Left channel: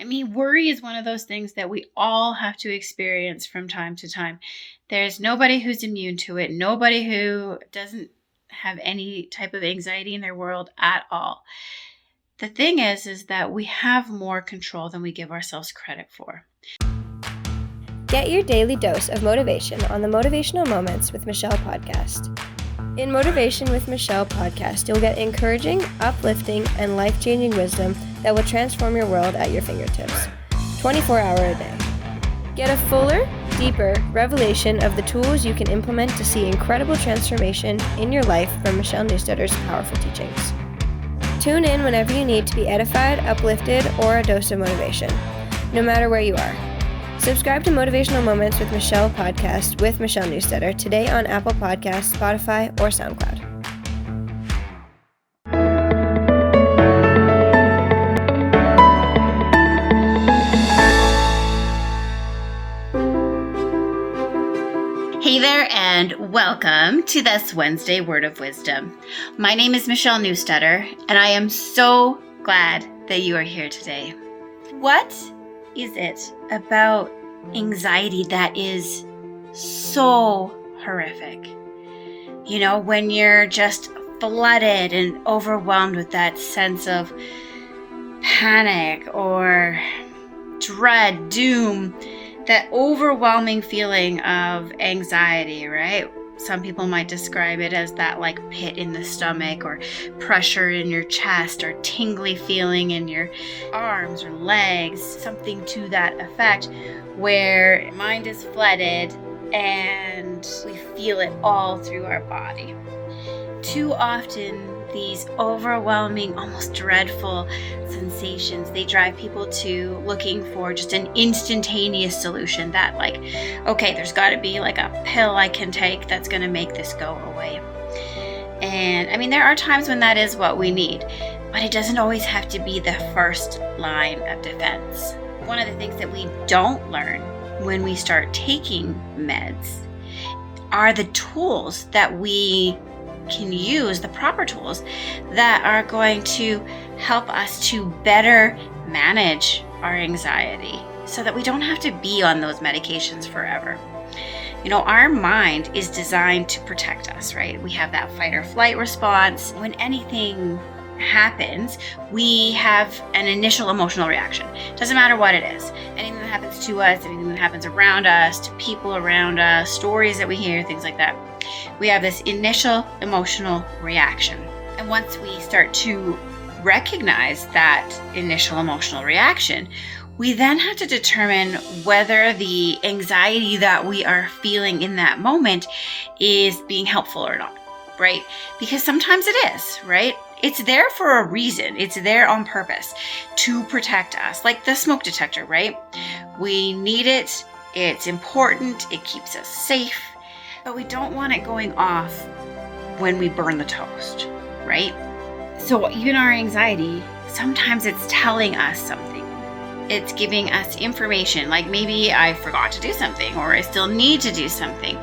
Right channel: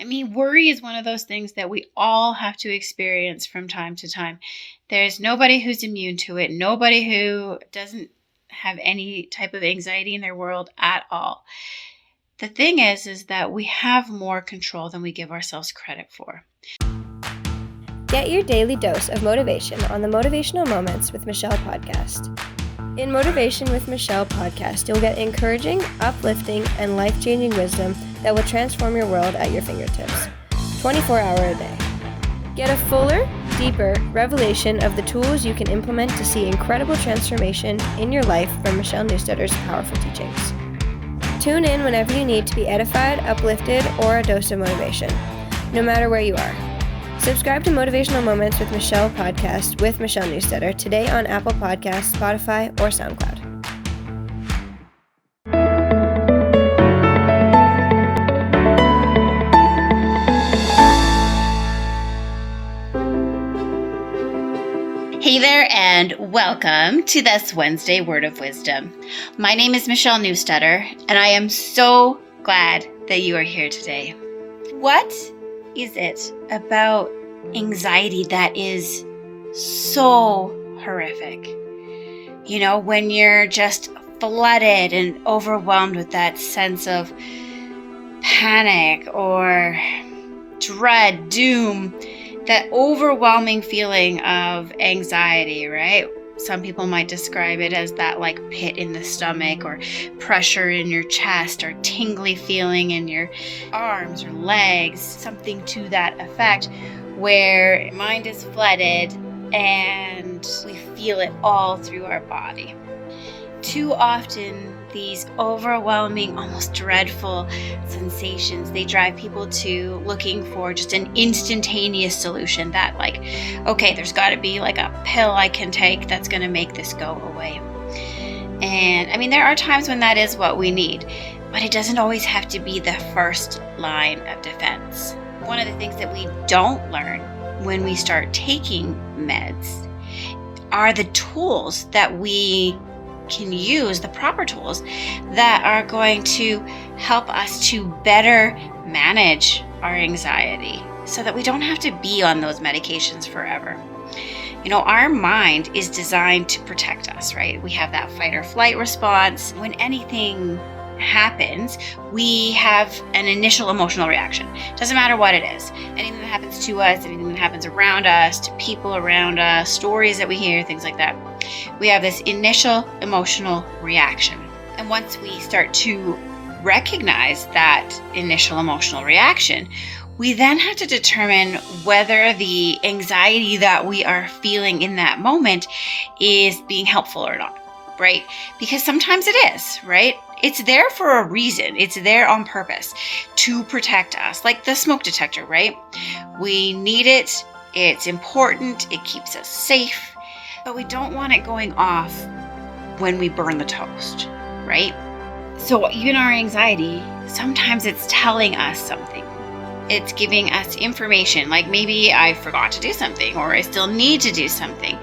I mean, worry is one of those things that we all have to experience from time to time. There's nobody who's immune to it, nobody who doesn't have any type of anxiety in their world at all. The thing is that we have more control than we give ourselves credit for. Get your daily dose of motivation on the Motivational Moments with Michelle podcast. In Motivation with Michelle podcast, you'll get encouraging, uplifting, and life-changing wisdom that will transform your world at your fingertips, 24 hours a day. Get a fuller, deeper revelation of the tools you can implement to see incredible transformation in your life from Michelle Newstetter's powerful teachings. Tune in whenever you need to be edified, uplifted, or a dose of motivation, no matter where you are. Subscribe to Motivational Moments with Michelle podcast with Michelle Newstetter today on Apple Podcasts, Spotify, or SoundCloud. Hey there, and welcome to this Wednesday Word of Wisdom. My name is Michelle Newstetter, and I am so glad that you are here today. What is it about anxiety that is so horrific? You know, when you're just flooded and overwhelmed with that sense of panic or dread, doom, that overwhelming feeling of anxiety, right? Some people might describe it as that like pit in the stomach or pressure in your chest or tingly feeling in your arms or legs, something to that effect, where your mind is flooded and we feel it all through our body. Too often, these overwhelming, almost dreadful sensations, they drive people to looking for just an instantaneous solution that like, okay, there's got to be like a pill I can take that's going to make this go away. And I mean, there are times when that is what we need, but it doesn't always have to be the first line of defense. One of the things that we don't learn when we start taking meds are the tools that we can use, the proper tools that are going to help us to better manage our anxiety so that we don't have to be on those medications forever. You know, our mind is designed to protect us, right? We have that fight or flight response. When anything happens, we have an initial emotional reaction. Doesn't matter what it is. Anything that happens to us, anything that happens around us, to people around us, stories that we hear, things like that. We have this initial emotional reaction. And once we start to recognize that initial emotional reaction, we then have to determine whether the anxiety that we are feeling in that moment is being helpful or not, right? Because sometimes it is, right? It's there for a reason. It's there on purpose to protect us, like the smoke detector, right? We need it. It's important. It keeps us safe. But we don't want it going off when we burn the toast, right? So even our anxiety, sometimes it's telling us something. It's giving us information, like maybe I forgot to do something or I still need to do something.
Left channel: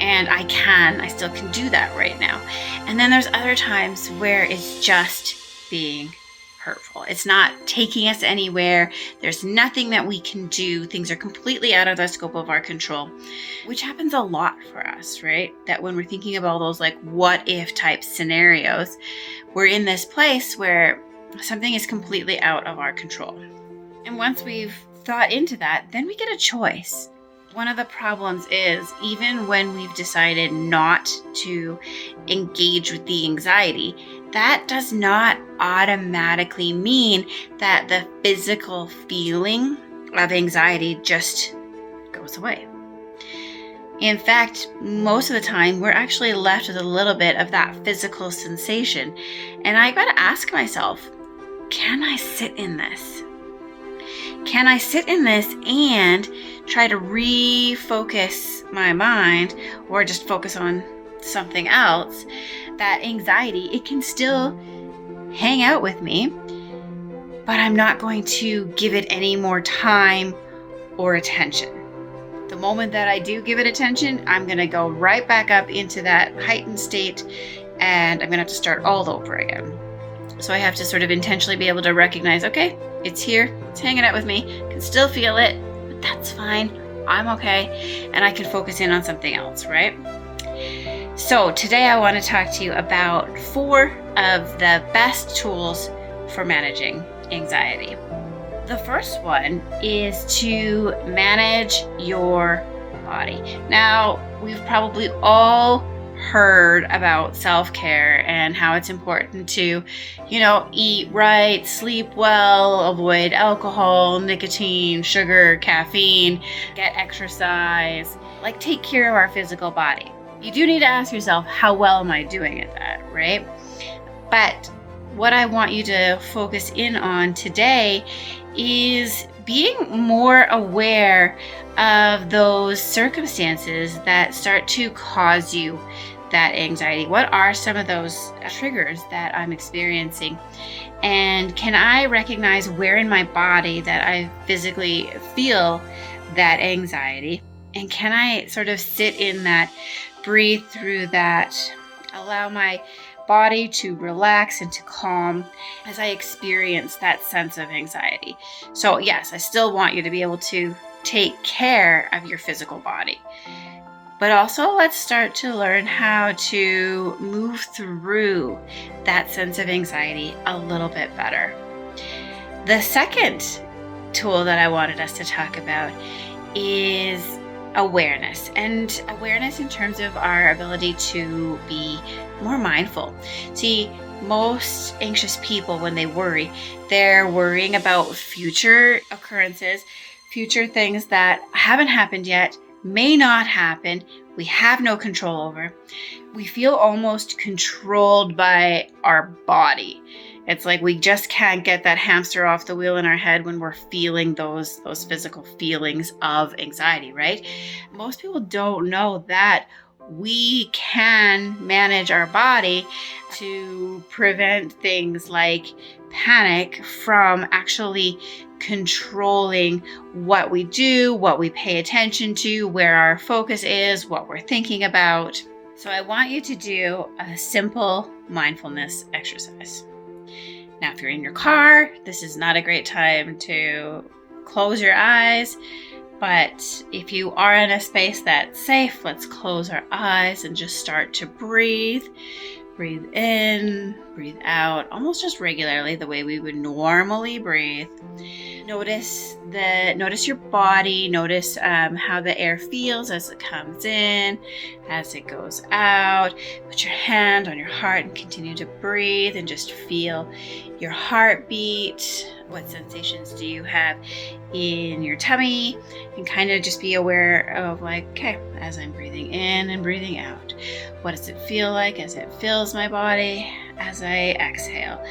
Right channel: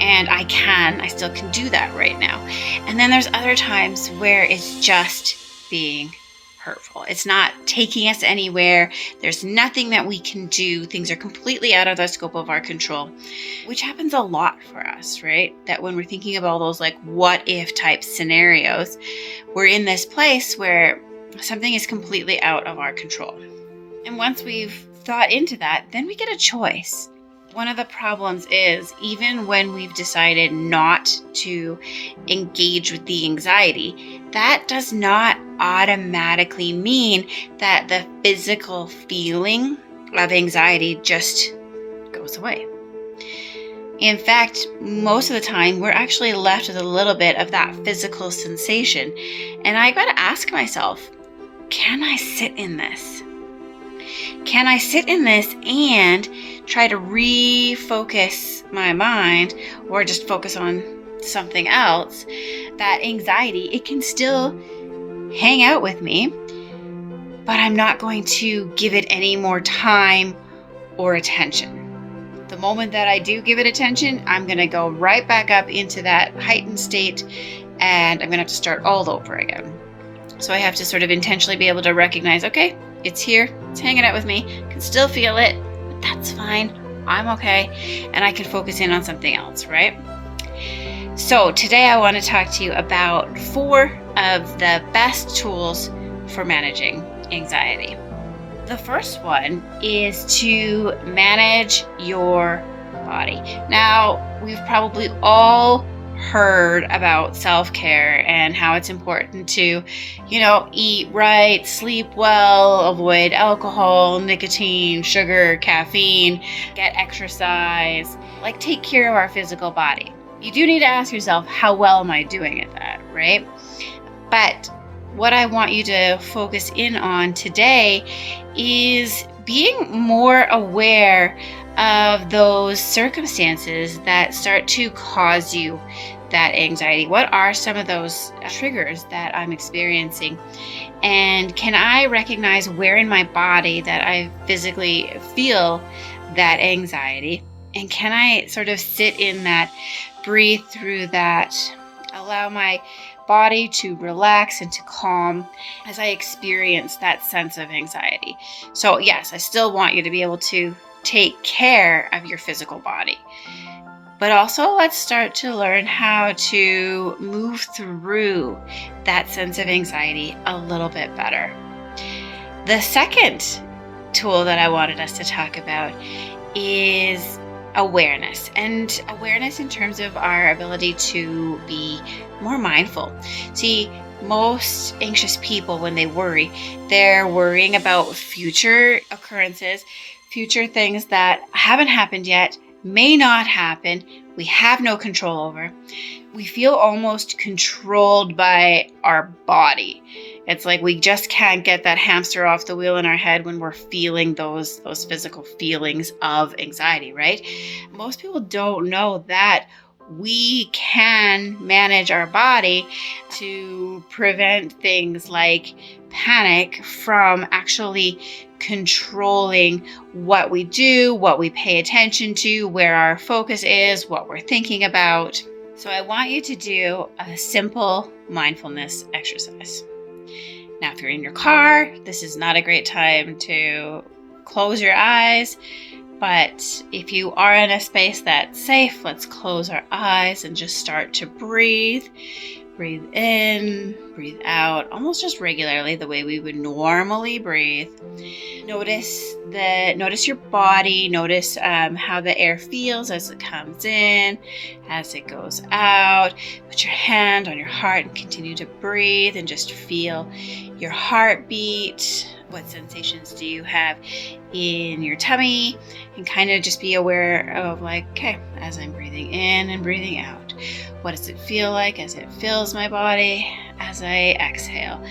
And I still can do that right now. And then there's other times where it's just being hurtful. It's not taking us anywhere. There's nothing that we can do. Things are completely out of the scope of our control, which happens a lot for us, right? That when we're thinking about all those like what if type scenarios, we're in this place where something is completely out of our control. And once we've thought into that, then we get a choice. One of the problems is even when we've decided not to engage with the anxiety, that does not automatically mean that the physical feeling of anxiety just goes away. In fact, most of the time, we're actually left with a little bit of that physical sensation. And I got to ask myself, can I sit in this? Can I sit in this and try to refocus my mind or just focus on something else? That anxiety, it can still hang out with me, but I'm not going to give it any more time or attention. The moment that I do give it attention, I'm going to go right back up into that heightened state and I'm going to have to start all over again. So I have to sort of intentionally be able to recognize, okay, It's here. It's hanging out with me. I can still feel it, but that's fine. I'm okay. And I can focus in on something else, right? So today I want to talk to you about 4 of the best tools for managing anxiety. The first one is to manage your body. Now, we've probably all heard about self-care and how it's important to, eat right, sleep well, avoid alcohol, nicotine, sugar, caffeine, get exercise, take care of our physical body. You do need to ask yourself, how well am I doing at that, right? But what I want you to focus in on today is being more aware of those circumstances that start to cause you that anxiety. What are some of those triggers that I'm experiencing? And can I recognize where in my body that I physically feel that anxiety? And can I sort of sit in that, breathe through that, allow my body to relax and to calm as I experience that sense of anxiety? So yes, I still want you to be able to take care of your physical body. But also let's start to learn how to move through that sense of anxiety a little bit better. The second tool that I wanted us to talk about is awareness, and awareness in terms of our ability to be more mindful. See, most anxious people, when they worry, they're worrying about future occurrences, future things that haven't happened yet, may not happen, we have no control over. We feel almost controlled by our body. It's like we just can't get that hamster off the wheel in our head when we're feeling those physical feelings of anxiety, right? Most people don't know that we can manage our body to prevent things like panic from actually controlling what we do, what we pay attention to, where our focus is, what we're thinking about. So I want you to do a simple mindfulness exercise. Now, if you're in your car, this is not a great time to close your eyes. But if you are in a space that's safe, let's close our eyes and just start to breathe. Breathe in, breathe out, almost just regularly the way we would normally breathe. Notice your body, notice how the air feels as it comes in, as it goes out. Put your hand on your heart and continue to breathe and just feel your heartbeat. What sensations do you have in your tummy? And kind of just be aware of okay, as I'm breathing in and breathing out, what does it feel like as it fills my body as I exhale?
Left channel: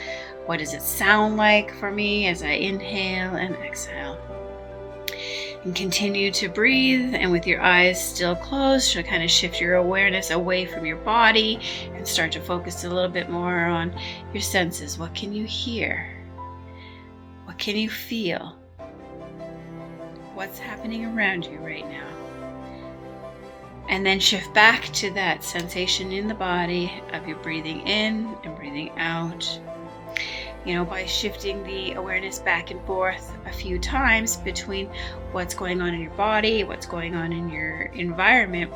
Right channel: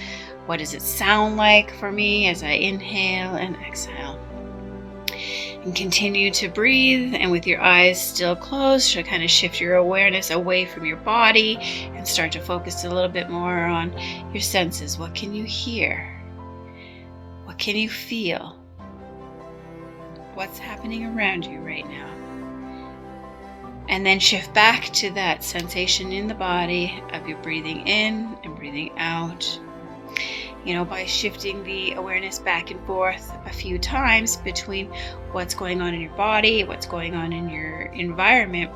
What does it sound like for me as I inhale and exhale? And continue to breathe, and with your eyes still closed, to kind of shift your awareness away from your body and start to focus a little bit more on your senses. What can you hear? What can you feel? What's happening around you right now? And then shift back to that sensation in the body of you breathing in and breathing out. By shifting the awareness back and forth a few times between what's going on in your body, what's going on in your environment,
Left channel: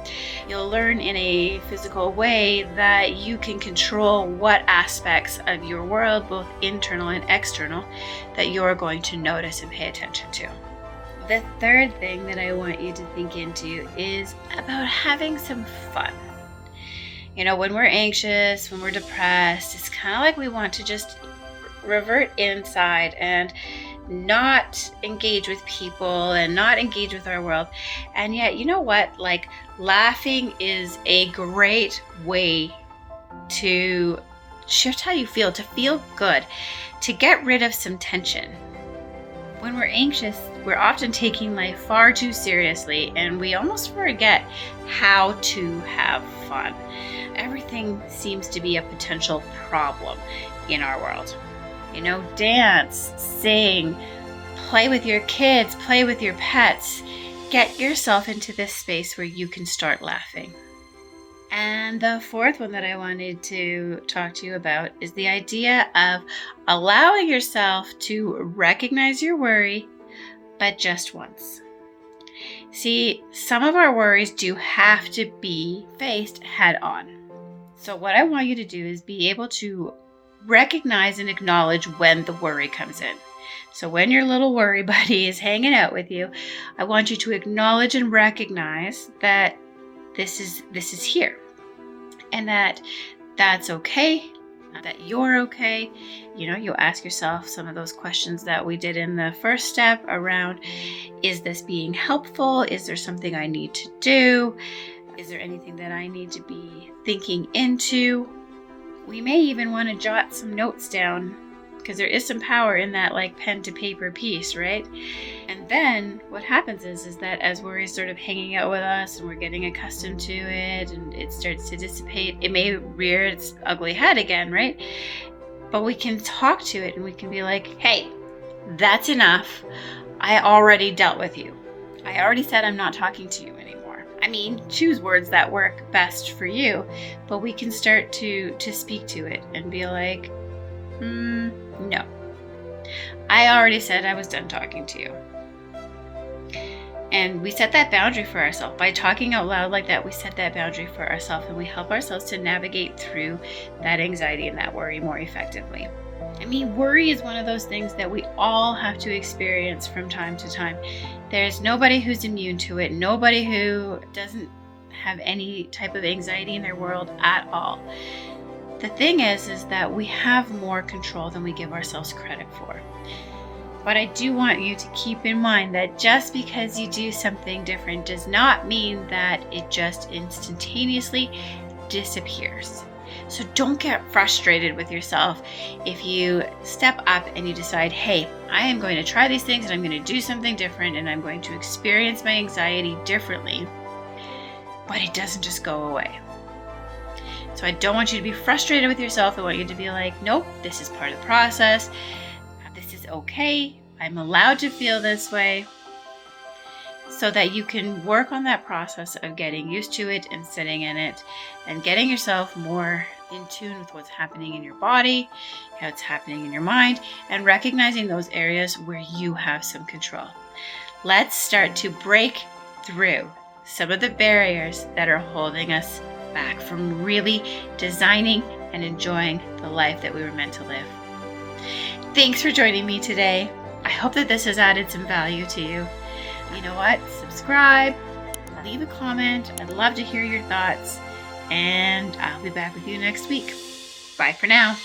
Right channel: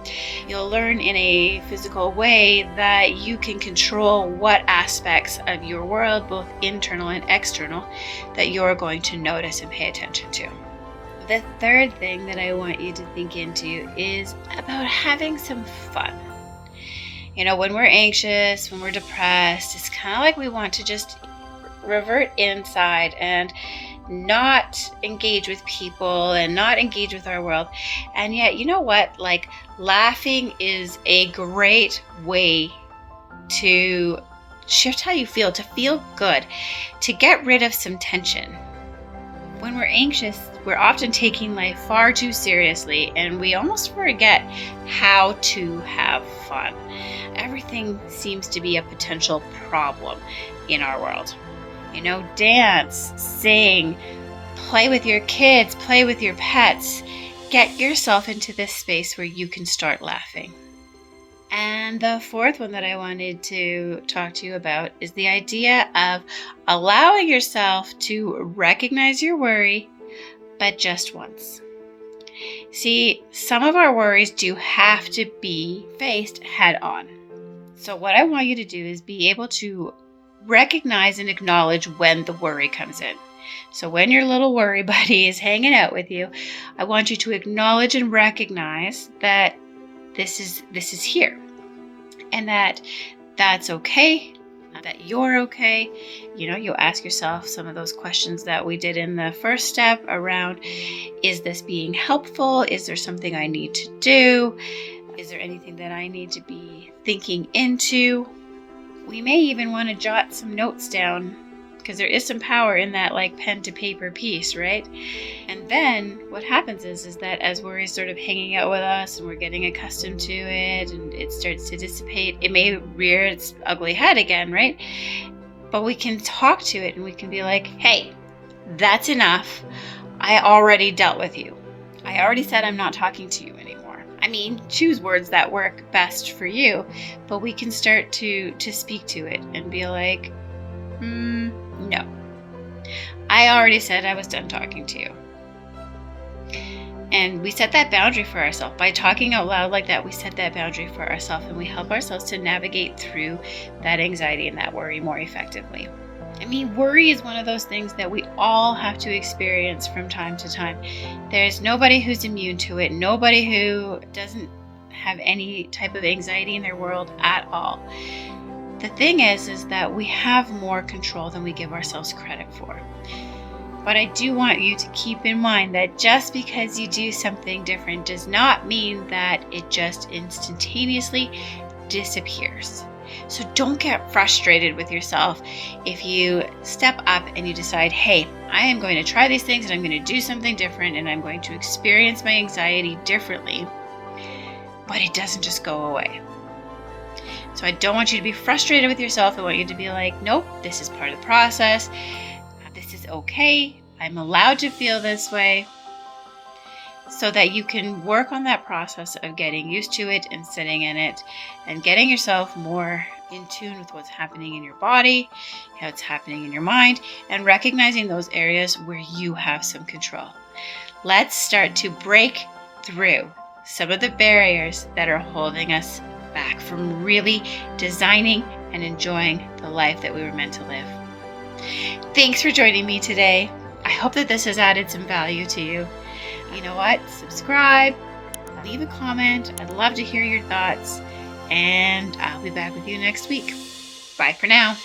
you'll learn in a physical way that you can control what aspects of your world, both internal and external, that you're going to notice and pay attention to. The third thing that I want you to think into is about having some fun. When we're anxious, when we're depressed, it's kind of like we want to just revert inside and not engage with people and not engage with our world. And yet, you know what? Laughing is a great way to shift how you feel, to feel good, to get rid of some tension. When we're anxious, we're often taking life far too seriously, and we almost forget how to have fun. Everything seems to be a potential problem in our world. Dance, sing, play with your kids, play with your pets. Get yourself into this space where you can start laughing. And the fourth one that I wanted to talk to you about is the idea of allowing yourself to recognize your worry, but just once. See, some of our worries do have to be faced head on. So what I want you to do is be able to recognize and acknowledge when the worry comes in. So when your little worry buddy is hanging out with you, I want you to acknowledge and recognize that this is here, and that's okay, that you're okay. You ask yourself some of those questions that we did in the first step around, is this being helpful? Is there something I need to do? Is there anything that I need to be thinking into? We may even want to jot some notes down, because there is some power in that pen to paper piece, right? And then what happens is that as worry is sort of hanging out with us and we're getting accustomed to it and it starts to dissipate, it may rear its ugly head again, right? But we can talk to it and we can be like, hey, that's enough. I already dealt with you. I already said I'm not talking to you anymore. I mean, choose words that work best for you, but we can start to speak to it and be like, no. I already said I was done talking to you. And we set that boundary for ourselves. By talking out loud like that, we set that boundary for ourselves and we help ourselves to navigate through that anxiety and that worry more effectively. I mean, worry is one of those things that we all have to experience from time to time. There's nobody who's immune to it, nobody who doesn't have any type of anxiety in their world at all. The thing is that we have more control than we give ourselves credit for. But I do want you to keep in mind that just because you do something different does not mean that it just instantaneously disappears. So don't get frustrated with yourself if you step up and you decide, hey, I am going to try these things and I'm going to do something different and I'm going to experience my anxiety differently. But it doesn't just go away. So I don't want you to be frustrated with yourself. I want you to be like, nope, this is part of the process. This is okay. I'm allowed to feel this way, so that you can work on that process of getting used to it and sitting in it and getting yourself more in tune with what's happening in your body, how it's happening in your mind, and recognizing those areas where you have some control. Let's start to break through some of the barriers that are holding us back from really designing and enjoying the life that we were meant to live. Thanks for joining me today. I hope that this has added some value to you. You know what? Subscribe, leave a comment. I'd love to hear your thoughts, and I'll be back with you next week. Bye for now.